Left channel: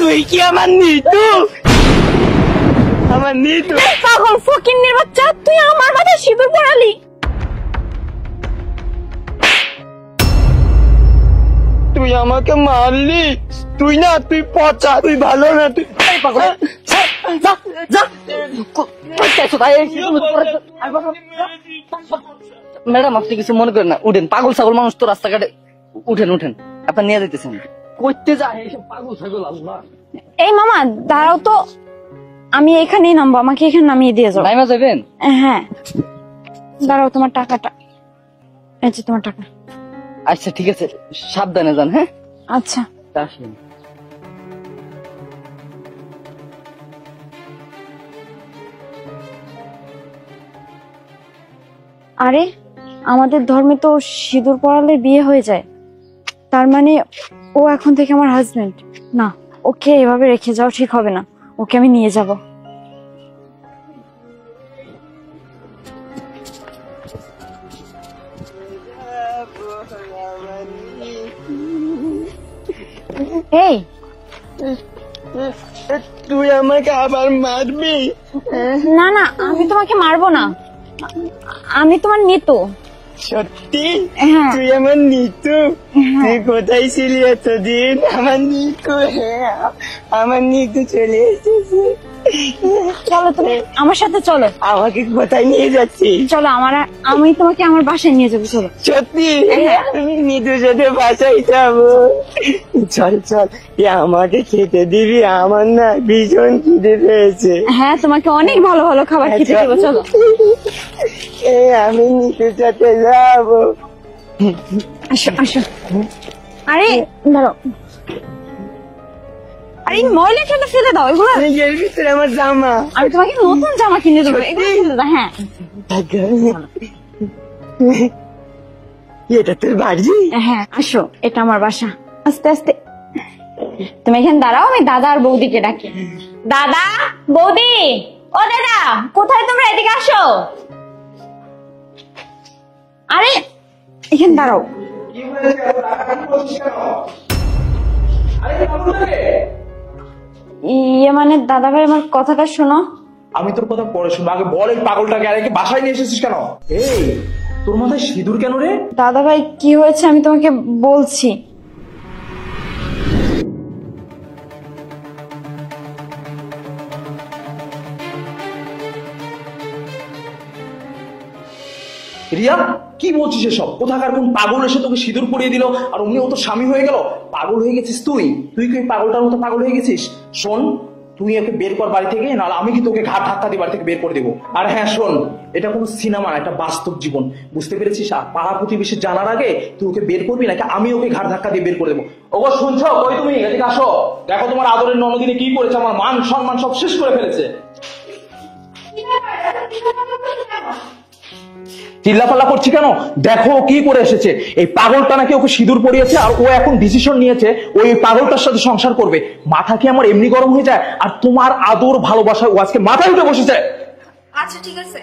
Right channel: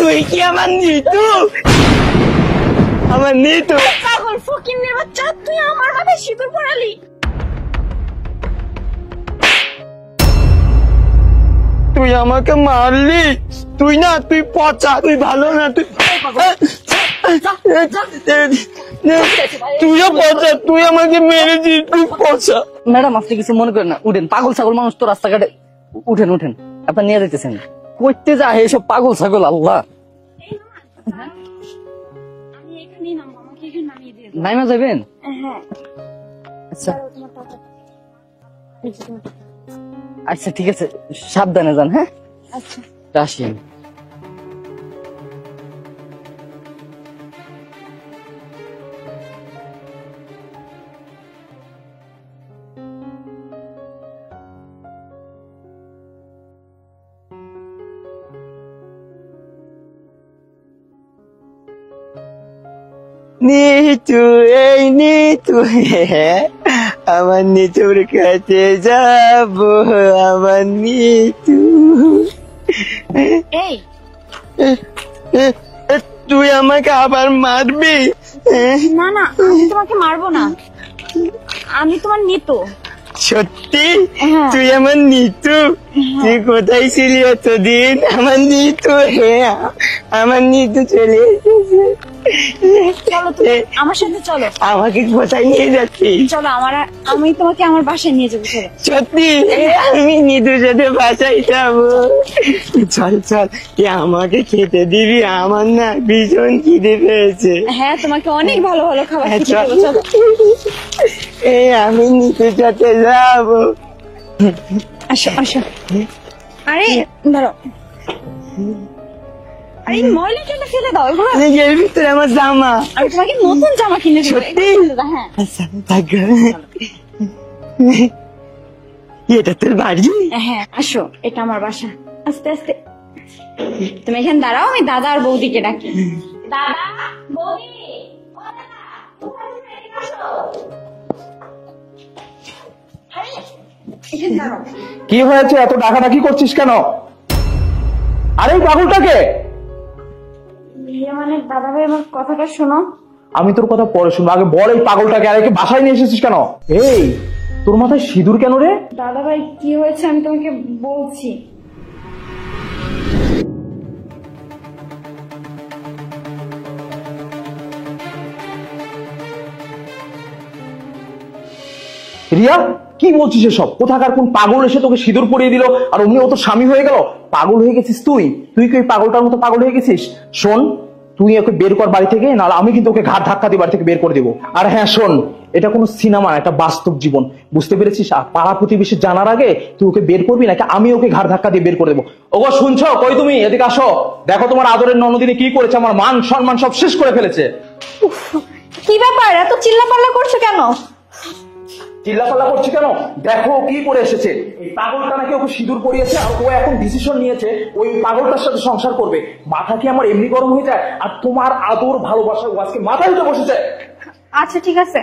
তুই কি আমার নিতু? আমার নিতু পাগল ফকিন্নির বাচ্চা, তুই আমার মাথায় সিঁদুর পরালি। তুই আমাকে মারলি? তুই না, তুই পচা, তুই ভালো না। তুই তুই আমাকে মেরেছিস, তুই পচা। ম্যাডাম আপনি কিছু মনে করেন না, উঠেন। পাগল ছাগল মানুষ তো রাস্তাঘাটে, উঠেন উঠেন। আপনার নিয়ে যেতেছেন করতে যা এসব পাগল ছাগল। আল্লাহ, এই মামা দাঁড়াও তো, আমি এখানেই নামবো, আমাকে এখানে নামিয়ে দিয়ে যাও। নাইমা যাবেন? হ্যাঁ দাঁড়াও, তোমার টাকাটা, এই যে তোমার টাকা। আচ্ছা ঠিক আছে, সাবধানে যান। হ্যাঁ আচ্ছা আসি। আরে আমাদের ধর্মে তো সিঁদুর পরালে বিয়ে হয়ে যায়, তার মানে ও এখন থেকে আমার হাজবেন্ড না। ওকে এভাবে রেখে যাওয়া ঠিক হবে না, ওকে আমি নিয়ে যাব। নিতু, এই নিতু, আমার নিতুর কাছে যাব, আমার নিতু। এই তুই আমাকে আবার মারবি? না না, আমি তোমাকে মারবো না, আমি তোমার নিতু। সত্যি? হ্যাঁ। তুই আমার নিতু? তুই কোথায় ছিলি এতদিন? আমার নিতু, হ্যাঁ আমার নিতু চলে এসেছে। চলো তুমি আমার সাথে চলো। আমাকে কোথায় নিয়ে যাচ্ছিস? চলো আমি তোমাকে আমার বাসায় নিয়ে যাবো। চলো। সত্যি? আমি নিতুর সাথে বাসায় যাবো। চল চল, তুই আমাকে খেতে দিবি, আমার না ভীষণ খিদে পেয়েছে। হ্যাঁ তোমাকে অনেক ভালো ভালো খাবার খেতে দেবো। চলো। এই আমি নিতুর সাথে যাবো। আসো আসো। আরে দাঁড়াও, আরে ময়লা টয়লা ফেলে দাও এগুলো। এর ভিতরে আমার জামা। আমি তোমাকে নতুন জামা কিনে দেবো। সত্যি? হ্যাঁ এটা তোর বাড়ি? হ্যাঁ আসো, এটা আমার বাসা। আস্তে আস্তে তুমি এখানে দাঁড়াও, আমি দাদা আর বৌদিকে ডাকি। দাদা, বৌদি, ও দাদা, কোথায় তোমরা? এদিকে আসো। আরে এখানে দাঁড়াও। কি হয়েছে? এত ডাকাডাকি করছিস কেন? আরে পাগলটাকে। ইয়ে মানে দাদা ভাই, আমার কথাটা শোনো। আমি তোর কথা পরে শুনবো, আগে বল এই পাগলটাকে আরে বাসায় নিয়ে এসেছিস কেন? এই তোর মাথায় সিঁদুর কেন রে? দাদা ভাই কি হয়েছে আমি তোমাকে বলছি। রিয়া, কি বলছিস এসব? কোথাকার কোন পাগল এসে তোকে সিঁদুর পরিয়ে দিল আর অমনি ও তো স্বামী হয়ে গেল? পাগল হয়ে গেছিস তুই? তুই কি ওই পাগলটার মতো পাগল হয়ে গেছিস? শোন, তুই ওকে বের কর বাড়ি থেকে, নাহলে আমি কিন্তু ওকে ঘাট ধাক্কা দিয়ে বাড়ি থেকে বের করে দেবো। আর হ্যাঁ শোন, এটা কোনো সিনেমা, এটা বাস্তব জীবন, বুঝতে পেরেছিস? আর পাড়া প্রতিবেশী জানার আগে তুই ওকে বের করবি, নাকি আমি ওকে ঘাট ধাক্কা দিয়ে বের করে দেবো। ওগো শুনছো? কই তুমি? এদিকে আসো, দেখো তোমার আদরের ননদিনী কি করেছে, আমার মান সম্মান সব শেষ করে ফেলেছে। কি ব্যাপার, এত চিল্লাপাল্লা করছো কেন? চিল্লাপাল্লা করছি কেন? দেখো কি করে এসেছে। এই পাগলটা নাকি ওকে সিঁদুর পরিয়েছে, আর ও এখন ডিসিশন নিয়েছে ওই পাগলটার সাথে সংসার করবে। মাথা কি আমার এমনি গরম হয়ে যায়? আর তোমার আদর ভালোবাসা ও আজকে মাথায় উঠে বসেছে। আচ্ছা ঠিক আছে,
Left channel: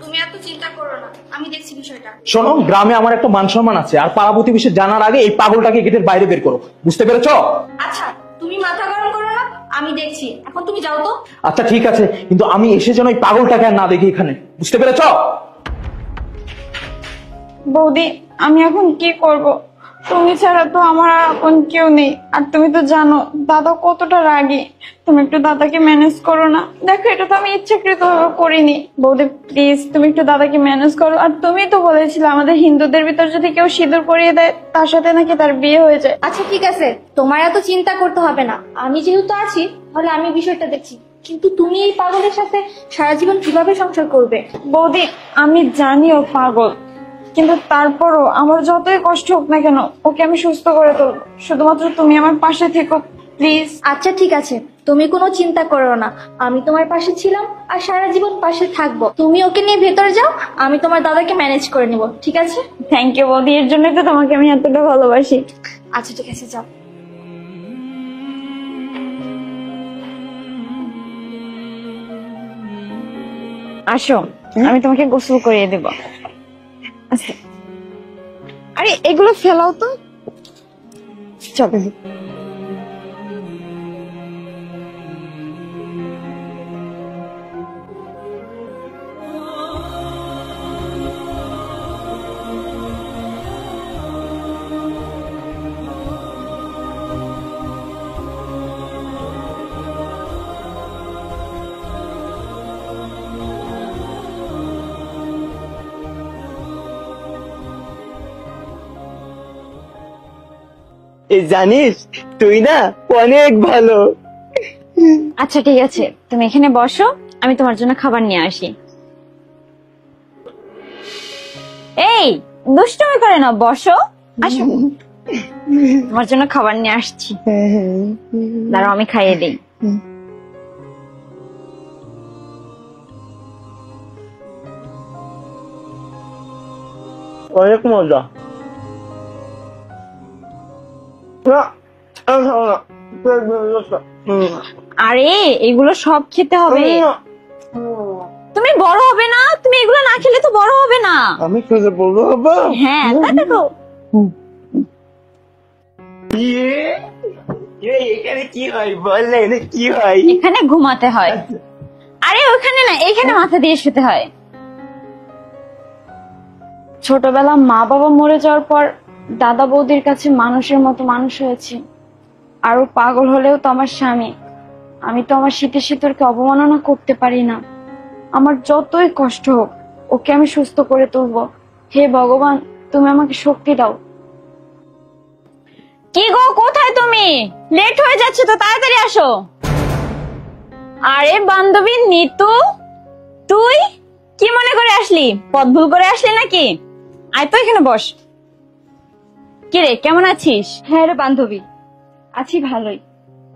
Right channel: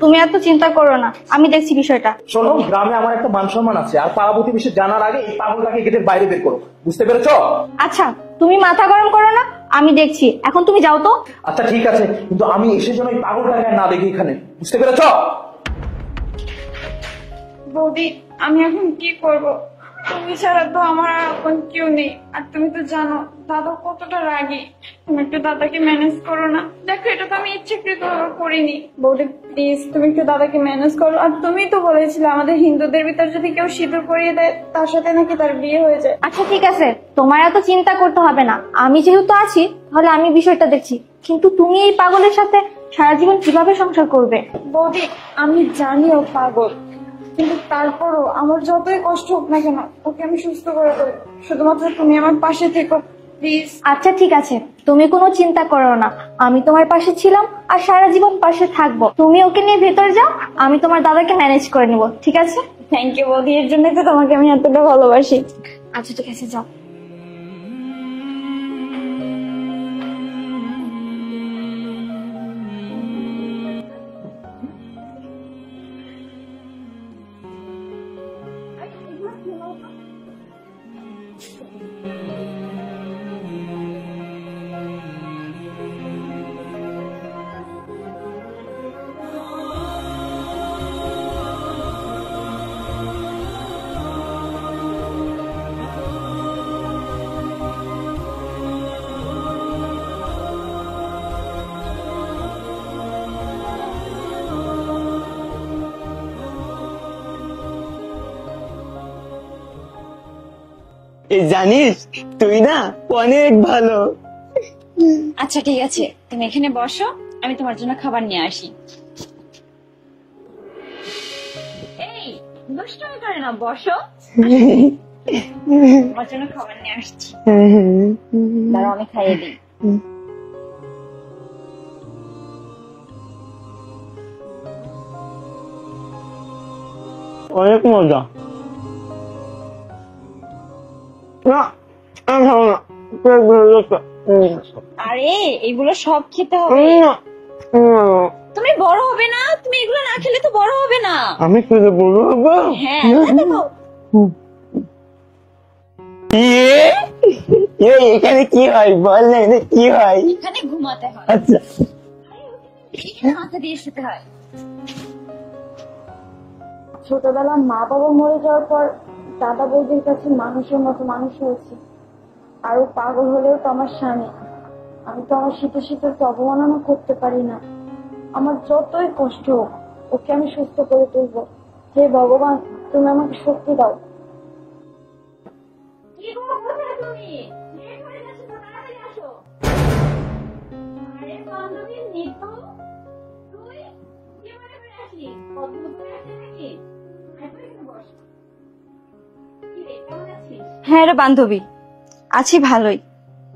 তুমি এত চিন্তা করো না, আমি দেখছি বিষয়টা। শোনো, গ্রামে আমার একটা মান সম্মান আছে, আর পাড়া প্রতিবেশী জানার আগে এই পাগলটাকে গেটের বাইরে বের করো, বুঝতে পেরেছো? আচ্ছা তুমি মাথা গরম করো না, আমি দেখছি। এখন তুমি যাও তো। আচ্ছা ঠিক আছে, কিন্তু আমি এসে যেন এই পাগলটাকে আর না দেখি এখানে, বুঝতে পেরেছো? বৌদি আমি এখন কি করব? তুমি ছাড়া তো আমার আর এখন কেউ নেই, আর তুমি তো জানো দাদা কতটা রাগী। তুমি একটু দাদাকে ম্যানেজ করো না। দেখো এটা তো আমি ইচ্ছাকৃত করিনি। বৌদি প্লিজ তুমি একটু দাদাকে ম্যানেজ করো। আর তুমি তো বলেছিলে আমাদের হিন্দুদের ভিতর যদি কেউ সিঁদুর পরিয়ে দেয় তার সাথে নাকি তার বিয়ে হয়ে যায়। আচ্ছা ঠিক আছে, তোমার এত চিন্তা করতে হবে না, আমি যেহেতু আছি তাহলে আমি বিষয়টা দেখছি। কিন্তু তুমি এই পাগলের সাথে সারা জীবন কিভাবে সংসার করবে? বৌদি আমি জানি ও পাগল, কিন্তু তারপরও আমার যতই কষ্ট হোক না কেন ওকে আমি সুস্থ করে দেবো। শুধুমাত্র তুমি আমার পাশে থেকো প্লিজ। আচ্ছা ঠিক আছে, তুমি কোনো চিন্তা করো না, আমি তোমার পাশে ছিলাম আর সারা জীবন পাশে থাকবো। তুমি ওকে নিয়ে ভেতরে যাও, আমি তোমার দাদাকে ম্যানেজ করে নিব, ঠিক আছে? থ্যাংক ইউ বৌদি, এর জন্যই তো তোমাকে আমি এতটা ভালোবাসি। আচ্ছা ঠিক আছে, যাও। আসো আমি তোমাকে গোসল করিয়ে দেব। আচ্ছা আরে এগুলো ফেলাও তো, চলো। এই জানিস তুই না অনেক ভালো। আচ্ছা ঠিক আছে, তুমি এখানে বসো, আমি তোমার জন্য খাবার নিয়ে আসি। এই দুষ্টুমি করে না, বসো, আসো। তোমার জন্য খাবার নিয়ে আসছি, দাঁড়াও আমি খাইয়ে দিই। অনেক মজা। না আমি খাবো না, পেট ভরে গেছে। আরে এগুলো সব খেতে হবে, তুমি বড় হবে না, তুমি এগুলো না খেলে তো বড় হবে না। আমি খেতে বলবো বাবা? হ্যাঁ তাই দেখো। এখানে কি হয় বল না, এখানে কি হয়? এখানে ঘুমাতে হয়। আচ্ছা আরে ওখানে না, এখানে মাথা দিয়ে শুতে হয়। ছোটবেলা মা বাবা মরে যাওয়ার পর দাদা বৌদির কাছে মানুষের মতো মানুষ হয়েছি। আরো পাগল হলেও তো আমার স্বামী। আমি তো আমার শীতে শীতরকে অবমাননা করতে পারি না। আমার যতই কষ্ট হোক ওকে আমি সুস্থ করে তুলবো। হে ভগবান, তুমি আমাকে শক্তি দাও। কি গো, কোথায় তুমি? লেট হয়ে যাচ্ছে তো, তাড়াতাড়ি আসো। আরে বান্ধবী নিতু, তুই কি মনে করে আসলি? পথ ভুল করে আসলি নাকি? আয় তো এখানে বস। কিরে কেমন আছিস? হ্যাঁ রে বান্ধবী, আছি ভালোই।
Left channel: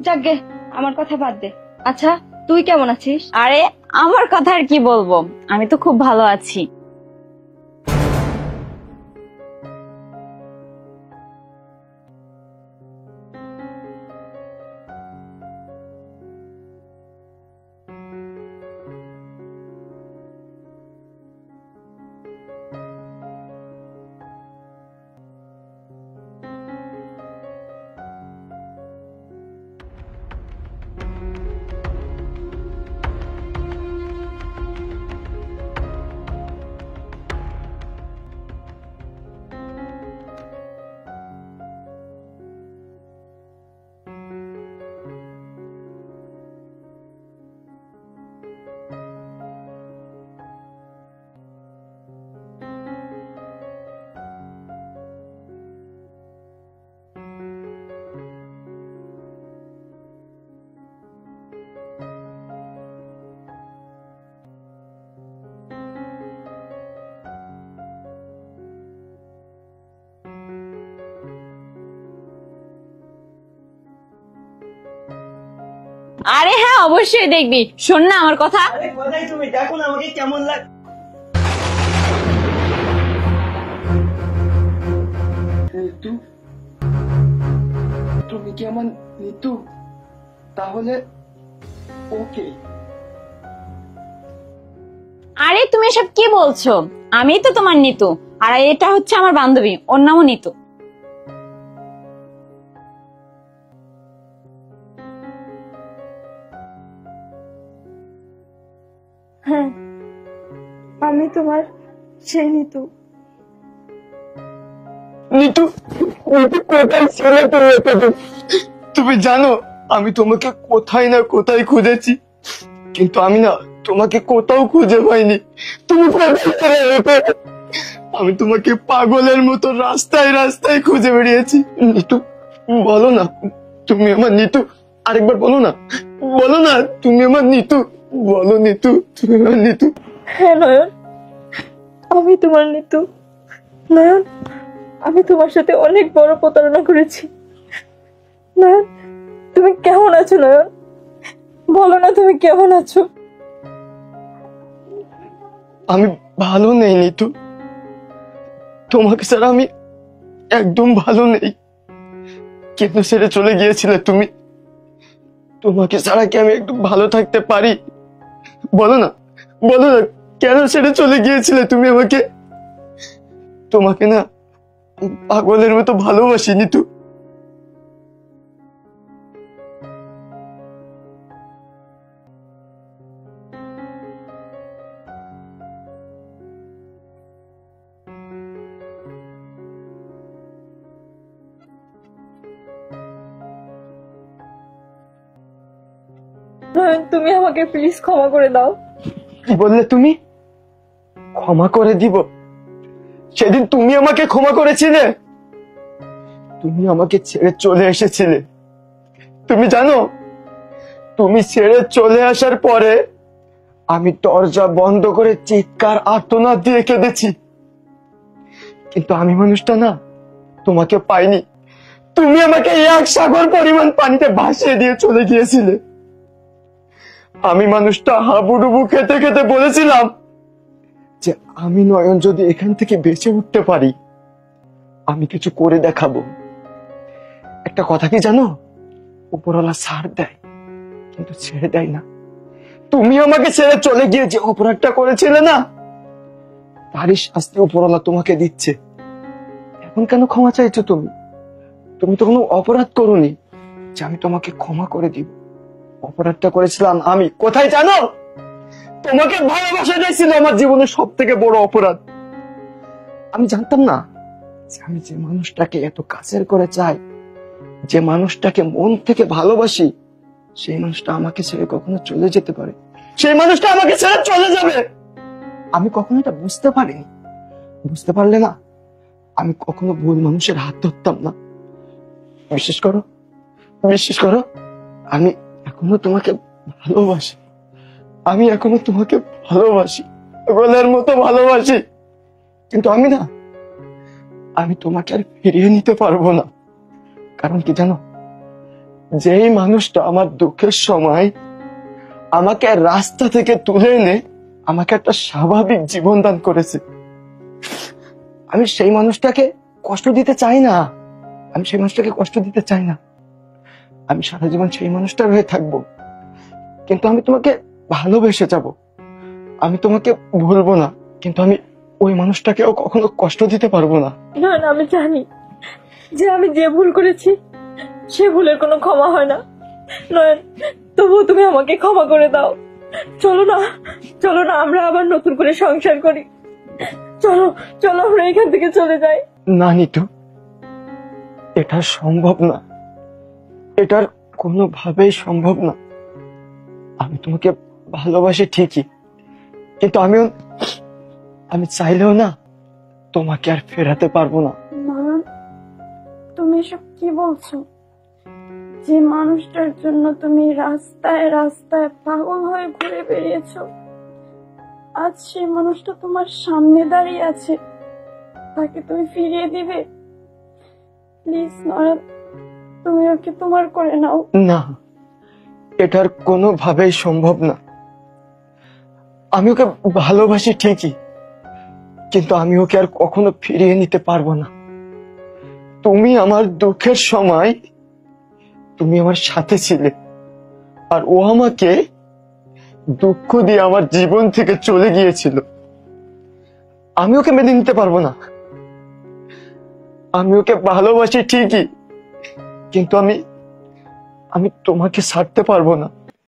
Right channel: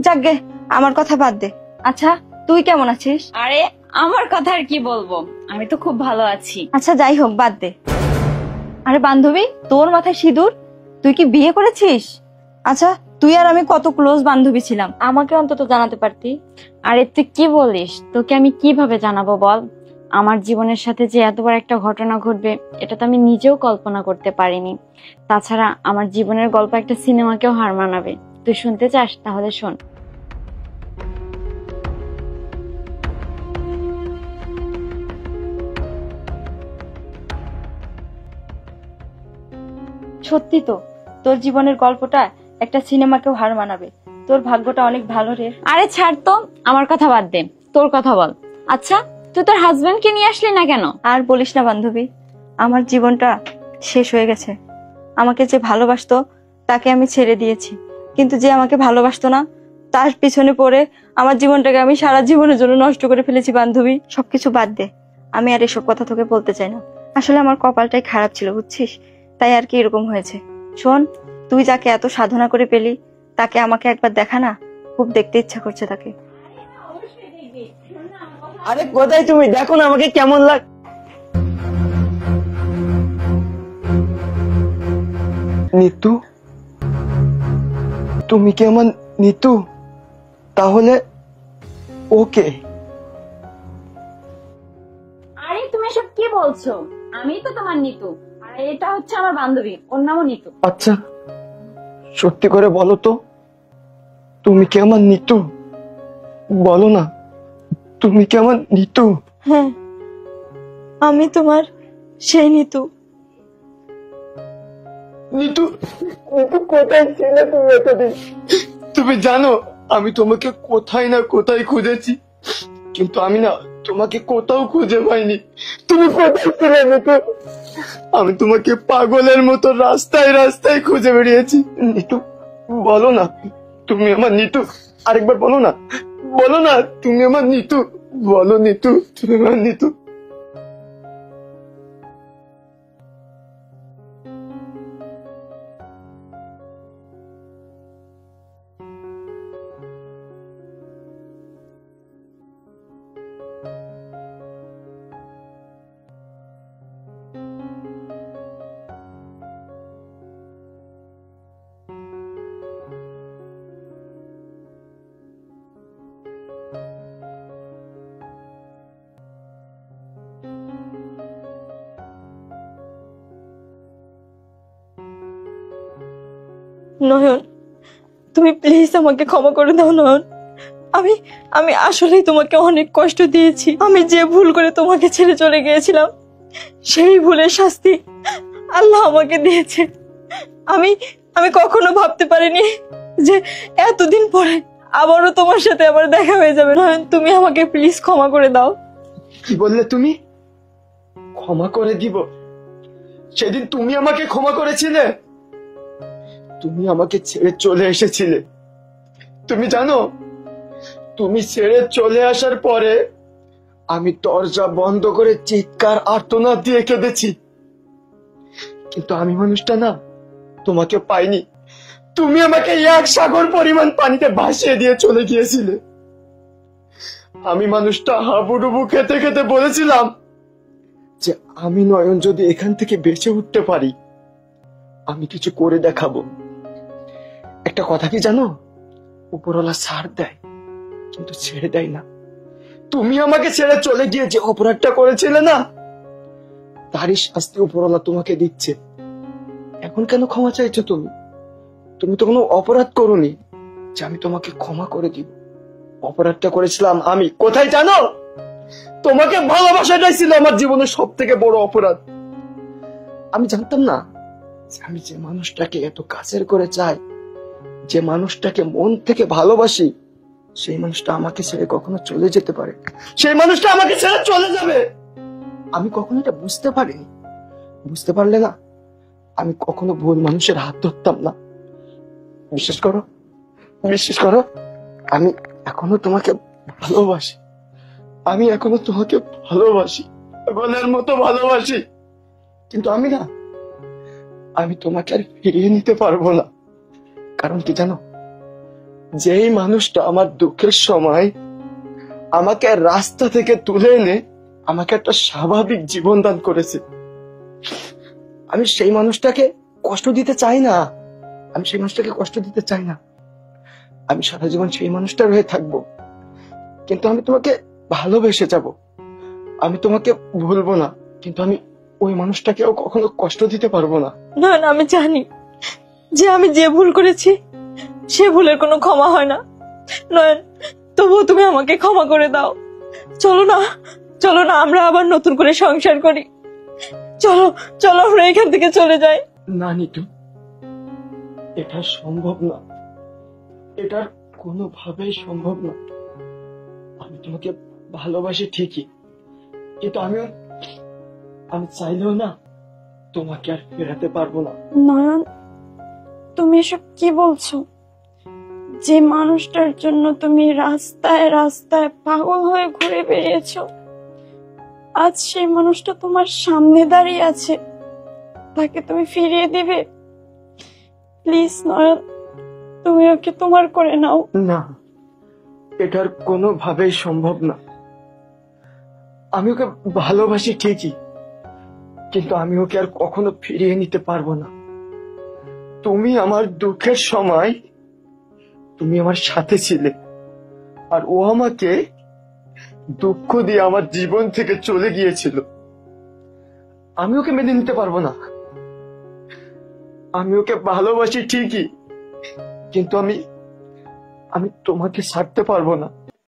যাকগে আমার কথা বাদ দে। আচ্ছা তুই কেমন আছিস? আরে আমার কথা আর কি বলবো, আমি তো খুব ভালো আছি। আচ্ছা যাই হোক, বাদ দে। আরে বান্ধবী, তোর মাথায় সিঁদুর, তুই কি বিয়ে করেছিস? আচ্ছা তুই আর আমি কত ক্লোজ বান্ধবী ছিলাম, আমাকে অন্তত জানাতে পারতি। আরে তুই কি বলিস, তোকে আমি কিভাবে জানাবো বল? আমার জীবনের সাথে যে এতবার একটা ঘটনা ঘটবে এটা তো আমি নিজেও কল্পনা করতে পারিনি। তাছাড়া আমার জীবনের গল্প একটা সিনেমাকেও হার মানাবে। তুই শুনতে চাস? তাহলে শোন। সত্যি তো, তোর জীবনের গল্পটা একটা সিনেমাকেও হার মানাবে। তোর ভাগ্যটা অনেক ভালো রে। আরে ছাড় তো, আমার কথা বাদ দে, তোর কথা বল। আচ্ছা তুই তোর হাজবেন্ডকে নিয়ে আসলি না কেন? আর বলিস না বান্ধবী, আমার জীবনটা শেষ হয়ে গেছে। আমাকে যে ভালোবাসতো তাকে আমি ছেড়ে দিয়েছি, কিন্তু যে আমাকে ভালোবাসতো না তার পিছনে পড়ে আমার জীবনটাকে আমি সারা জীবনের জন্য নষ্ট করে ফেলেছি বান্ধবী। সবকিছু বাদ দে, আমি আর এসব কথা তোকে বলতে চাই না। আসলে আমার কপালটাই খারাপ ছিল বুঝছিস, তাই আর কি এরকম হয়েছে। শোন, তুই যাকে এত সাধনা করে পেলি তাকে আমাকে একবার দেখা না, খুব দেখতে ইচ্ছা করছে তাকে। আরে হ্যাঁ অবশ্যই দেখবি, শোন না আমার কথা। আরে কোথায় তুমি? দেখো না আমাকে কেমন লাগ। নিতু, তুমি কি আমার নিতু? তাহলে ওকে। আরে তুমি এসব কি বলছো? আমি তো তোমার নিতু, আর এটা হচ্ছে আমার বান্ধবী, ওর নামও নিতু। আচ্ছা সত্যি করে বলো তো, তুমি কি আমার নিতু? বলো না, তুমি কি আমার নিতু? হ্যাঁ আমি তোমার সেই নিতু। নিতু, নিতু কোথায় ছিলে তুমি এতদিন? তুমি জানো আমি তোমাকে কোথায় না কোথায় খুঁজেছি, কিন্তু আমি না তোমাকে কোথাও খুঁজে পাইনি। তুমি কোথায় ছিলে নিতু? আমি তোমাকে পাগলের মতো রাস্তায় রাস্তায় খুঁজে বেরিয়েছি। নিতু বলো না, তুমি আমার নিতু। আরেকবার বলো না, বলো না তুমি আমার নিতু। বলো নিতু, তুমি আমার নিতু। হ্যাঁ নয়ন, আমি তোমার নিতু। নয়ন, আমি তোমার সাথে অনেক বড় প্রতারণা করেছি। নয়ন, তুমি কেমন আছো? নয়ন বলো না, তুমি কেমন আছো? আমি ভালো নেই নিতু, তোমাকে ছাড়া আমি একদম ভালো নেই। কেন ছেড়ে চলে গিয়েছিলে তুমি? তোমাকে ছাড়া কি আমি একদম ভালো থাকতে পারি? বলো না, বলো না, কেন ছেড়ে চলে গিয়েছিলে তুমি আমাকে? তোমাকে না পাগলের মতো ভালোবাসি নিতু। নয়ন, তুমি প্লিজ আমাকে ক্ষমা করে দাও। নয়ন, আমি আসলেই তোমাকে অনেক কষ্ট দিয়েছি। আমি যে ভুল করে তোমাকে ছেড়ে চলে গিয়েছিলাম সেই ভুলের শাস্তি আল্লাহ আমাকে দিয়েছে। আমি কখনো ভাবতে পারিনি যে এতদিন পরে আবারও তোমার সাথে আবার দেখা হয়ে যাবে। নয়ন, তুমি আমাকে প্লিজ ক্ষমা করে দাও। কি বললে তুমি? ক্ষমা করে দিব? সেদিন তুমি আমাকে ক্ষমা করেছিলে? তুমি আমাকে ছেড়ে চলে এসেছিলে। তুমি জানো, তুমি ছেড়ে চলে আসার পরে আমি দরজা বন্ধ করে চিৎকার আর্তনাদ দিয়ে কেঁদেছি, কিন্তু আমি মানুষটা না তোমাকে পাইনি। তুমি আমাকে 1 সাগর পরিমাণ পানিতে ভাসিয়ে দিয়ে চলে গিয়েছিলে। আমি মানুষটা হাবুডুবু খেতে খেতে বলেছিলাম যে আমি নয়ন যদি এখান থেকে বেঁচে উঠতে পারি, আমি কিছু করে দেখাবো। একটা কথা কি জানো, উপরওয়ালা ছাড় দেয় কিন্তু ছেড়ে দেয় না। তুমি আমাকে ছেড়ে চলে গিয়ে যে অপরাধটা করেছিলে না, তারই শাস্তি উপরওয়ালা তোমাকে দিচ্ছে। এখন কেন ক্ষমা চাইছো তুমি? তুমি তো কোনো অপরাধ করোনি যে আমি তোমাকে ক্ষমা করে দিব। অপরাধটা করেছিলাম আমি। কোথায় জানো? তোমাকে ভালোবাসাটাই ছিল আমার জীবনের সব থেকে বড় অপরাধ। আমি জানতাম না যে আমি যে মানুষটাকে এত কাছের করে চাই, যে মানুষটাকে মন থেকে ভালোবাসি, সেই মানুষটা আমাকে ছেড়ে কখনো চলে যেতে পারে, সেই মানুষটা আমাকে ছেড়ে চলে যাবে। আমি কখনো এটা বুঝতে পারিনি। বুঝতে পারলে না, আমি কখনো ভুল মানুষের হাত ধরতাম না। বিশ্বাস করো, বিশ্বাস করো, আমি এখনো তোমাকে ভালোবাসি। আমি এখনো তোমাকে ভালোবাসি, পাগলের মতো ভালোবাসি। কিন্তু আমি তোমাকে আর ফিরিয়ে নিতে পারবো না। কারণ কি জানো, যেই মানুষটা আমার দুঃখের সময় আমাকে রাস্তা থেকে তুলে এনে আমাকে একটা স্বাভাবিক জীবন দান করেছে, আমি সেই মানুষটাকে কষ্ট দিতে চাই না। আমি সেই মানুষটাকে কষ্ট দিতে চাই না। আমি সারা জীবন সেই মানুষটার হয়ে থাকবো, কিন্তু আমি তোমাকে ভালোবেসে যাব। আমি তোমাকে ভুলবো না, কিন্তু আমি ওই মানুষটাকেও কখনো কষ্ট দিতে পারবো না। না না, আমি জানি যে আমি যে ভুল করেছি সে ভুলের কোনো ক্ষমা হয় না। নয়ন, তবুও তুমি আমাকে ক্ষমা করে দাও। চলো না, চলো না, আমরা আবার নতুন করে সংসার করি। চলো চলো, আমরা এখান থেকে চলে যাই। না নিতু, এটা সম্ভব না। এটার কোনোভাবেই সম্ভব না। আমি তোমাকে ভালোবাসি ঠিকই, কিন্তু আমি চাইলেও না তোমাকে আর ফেরাতে পারবো না। নয়ন, তুমি এসব কি বলছো? যে মানুষটার জন্য তুমি রাস্তায় রাস্তায় পাগল হয়ে ঘুরে বেরিয়েছো, আজ সেই মানুষটা তোমার সামনে দাঁড়িয়ে আছে, তাকে তুমি ফিরিয়ে দিবে? প্লিজ নয়ন, তুমি ওকে তোমার করে নাও। না, এটার কোনোভাবেই সম্ভব না। আমি ওকে ভালোবাসি ঠিকই, কিন্তু আমি ওকে আর কখনো ফিরিয়ে নিতে পারবো না। তুমি আমার দুঃখের সময় তুমি আমার সাথে ছিলে, আর ও আমাকে দুঃখ দিয়ে আমার জীবন থেকে চলে গিয়েছিল। আমি ওকে মেনে নিতে পারবো না। আমি ওকে ভালোবাসি ঠিকই, কিন্তু আমি তোমাকে ছাড়তে পারবো না।